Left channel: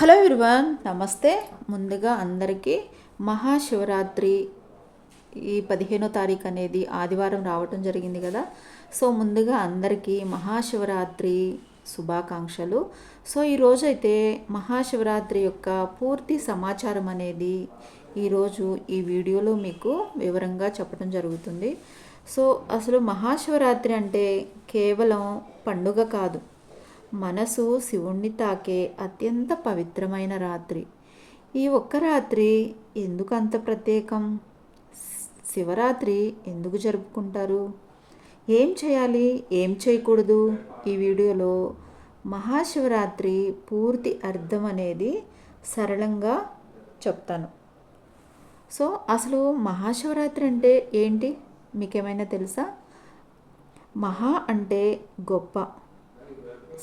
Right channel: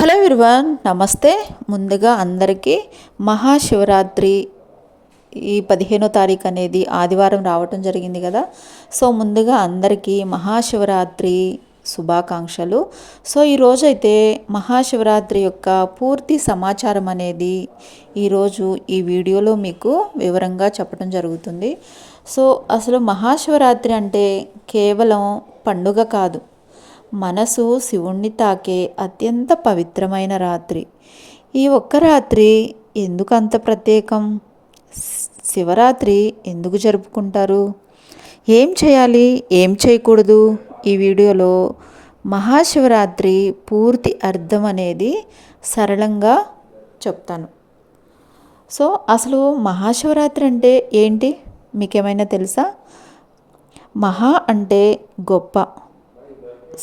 Hello విరువాన్ నమస్తే. ముందుగా అందరికీ మహాశివరాత్రి ఈ పదిహేనో తారీఖు అనేది ఆదివారం రావటం జరిగింది కదా. సో ముందుగా అందరికీ మహాశివరాత్రి శుభాకాంక్షలు. సో ఈరోజు అయితే మహాశివరాత్రి యొక్క పూర్తి సమాచారం అనేది ఈరోజు ఈ వీడియోలో మీకు వివరంగా చెప్పడం జరుగుతుంది. సో అసలు మహాశివరాత్రి అంటే కేవలం పండుగ కాదు. మనసు శివుణ్ణి తాకే అత్యంత పవిత్రమైన రాత్రి. ఈ ఒక్క రాత్రి ఎందుకు అంత ప్రత్యేకం? శివరాత్రి ఎందుకు జరుపుకుంటారు? ఏం చేయాలి? ఏం చేయకూడదు? ఈ వీడియోలో మహాశివరాత్రి పూర్తి అర్థం అనేది సరళంగా చెప్తాను. సో అసలు మహాశివరాత్రి అంటే ఏంటి? మీకేమైనా తెలుసా? మహా అంటే గొప్ప.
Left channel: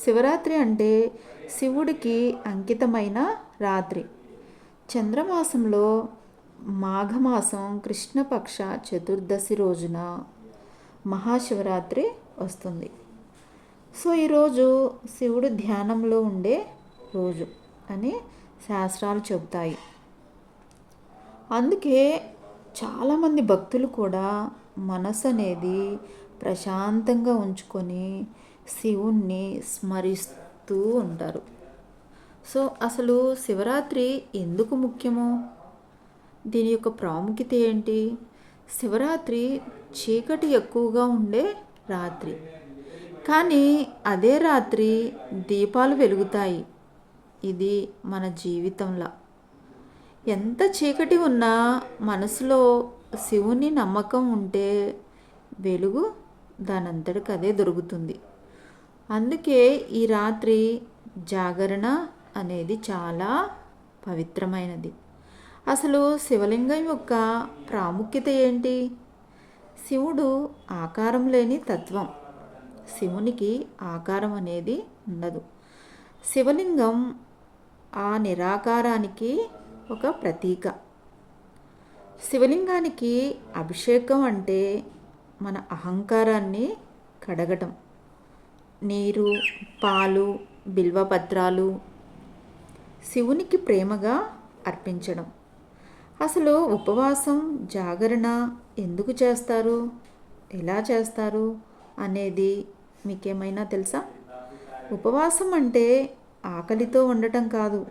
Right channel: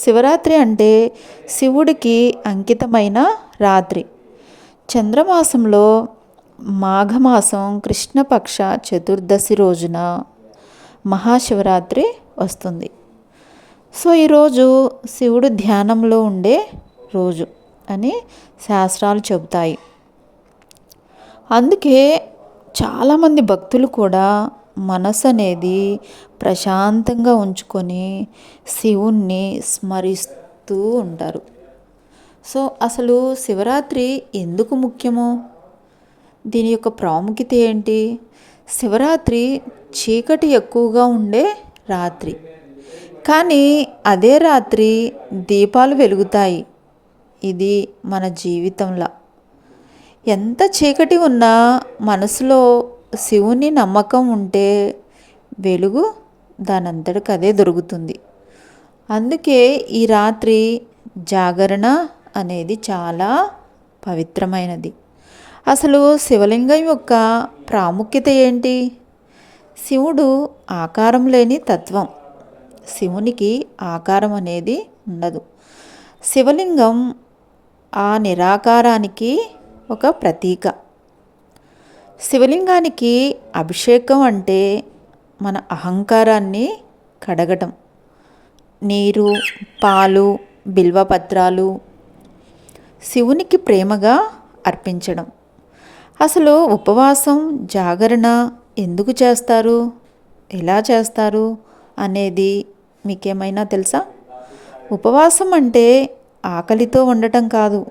శివరాత్రి అంటే శివుడికి అంకితమైన రాత్రి. చంద్రమాసంలో మాఘమాసం కృష్ణపక్ష చతుర్దశి రోజున మహాశివరాత్రి వస్తుంది. సో ఈరోజు శివుడు ధ్యానంలో ఉండే రోజు అని శాస్త్రాలు చెబుతాయి. అందుకే చాలామంది భక్తులు కూడా మనసు అనేది ప్రశాంతంగా ఉంచుకొని శివుణ్ణి స్మరిస్తూ ఉంటారు. సో అసలు శివరాత్రి ఎందుకు ముఖ్యమో? దీని యొక్క ప్రాముఖ్యత ఏంటి? శివరాత్రి చీకటి ఎక్కువగా ఉండే రాత్రి. కానీ అదే రాత్రి దీపాలు వెలుగుతాయి. ఇది మన జీవితంలో. ఎంత చీకటి ఉన్నా మనసులో శివుని నమ్మకం ఉంటే వెలుగు దానంతటికి అదే దొరుకుతుంది. అందుకే ఈ రాత్రి జాగరణ అనేది చాలా పవిత్రమైనది. అసలు శివలింగం యొక్క ప్రాముఖ్యత ఏంటి? శివుడు ఆకారం లేని తత్వం. శివునికి ఆకారం అనేది ఉండదు. శివలింగం ఆ నిరాకారానికి ఒక ప్రతీక. శివలింగానికి అభిషేకం అంటే మన అహంకారాన్ని కడగటం. నీరు పాలు బిల్వపత్రాలు శివునికి ప్రేమగా అర్పించడం. అసలు ఉపవాసం జాగరణ ఎందుకు చేస్తారు? ఎలా చేస్తారు? అనేది మీకేమైనా తెలుసా? ఉపవాసం అంటే ఆకలితో ఉండటం కాదు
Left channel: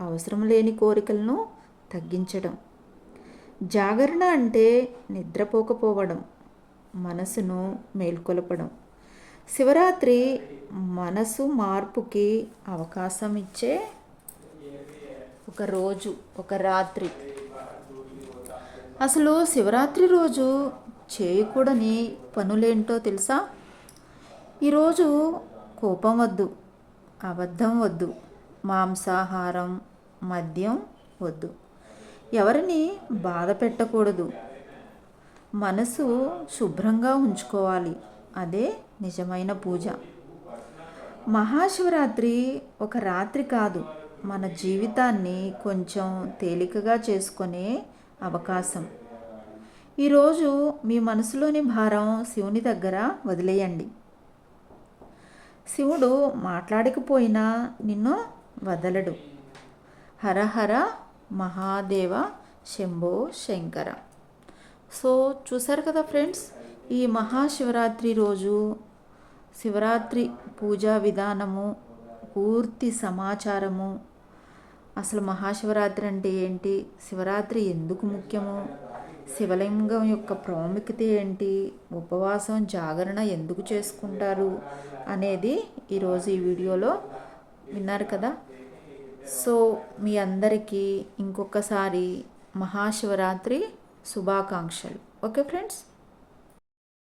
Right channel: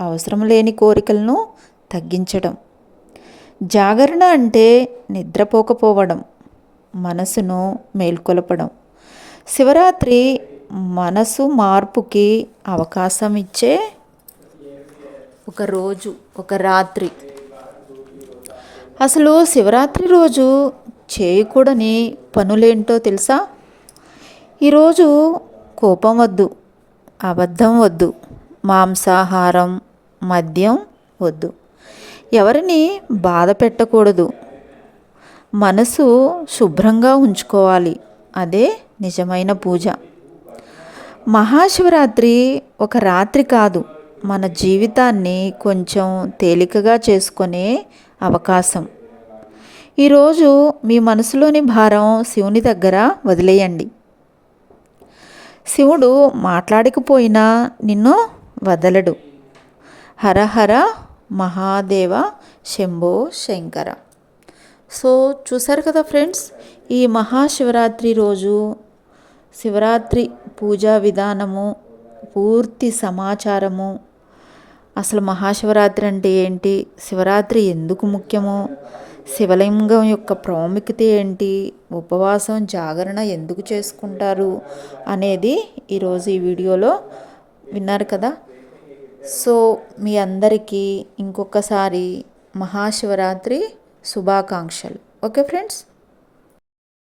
అవసరం లేని కోరికలను తగ్గించడం జాగరణ అంటే నిద్రపోకపోవడం మనసును మేల్కొలపడం. శివరాత్రి మనసు మార్పుకి అవకాశం ఇచ్చే ఒక రోజు ఒక రాత్రి. అసలు శివరాత్రి రోజు చేయకూడని పనులేంటో తెలుసా? ఈరోజు కోపం వద్దు అబద్ధం వద్దు మాంసాహారం మద్యం వద్దు. ఎవరిని బాధ పెట్టకూడదు. మనసు శుభ్రంగా ఉంచుకోవాలి. అదే నిజమైన పూజ. మహాశివరాత్రి ఒక రాత్రి కాదు. మన జీవితాన్ని కొంచెం తేలికగా చేసుకునే అవకాశం. ఈరోజు మీ మనసులోని భారం శివుని దగ్గర వదిలేయండి. శివుడు మాట్లాడకపోయినా నిన్ను వదలడు. హరహర మహాదేవ శంభో శంకర. సో చూసారు కదా ఫ్రెండ్స్ ఈ మహాశివరాత్రి రోజు శివరాత్రి పూజా విధానము పూర్తి సమాచారము. అసలు మహాశివరాత్రి అంటే ఏంటి? శివరాత్రి ఎందుకు ముఖ్యమో? శివలింగం యొక్క ప్రాముఖ్యత ఏంటి? ఉపవాసం జాగరణ ఎందుకు చేసుకుంటారు? అనేది ఈరోజు ఈ వీడియోలో విన్నారు కదా. సో మీ అందరికీ ఇంకొకసారి మహాశివరాత్రి శుభాకాంక్షలు. Okay friends?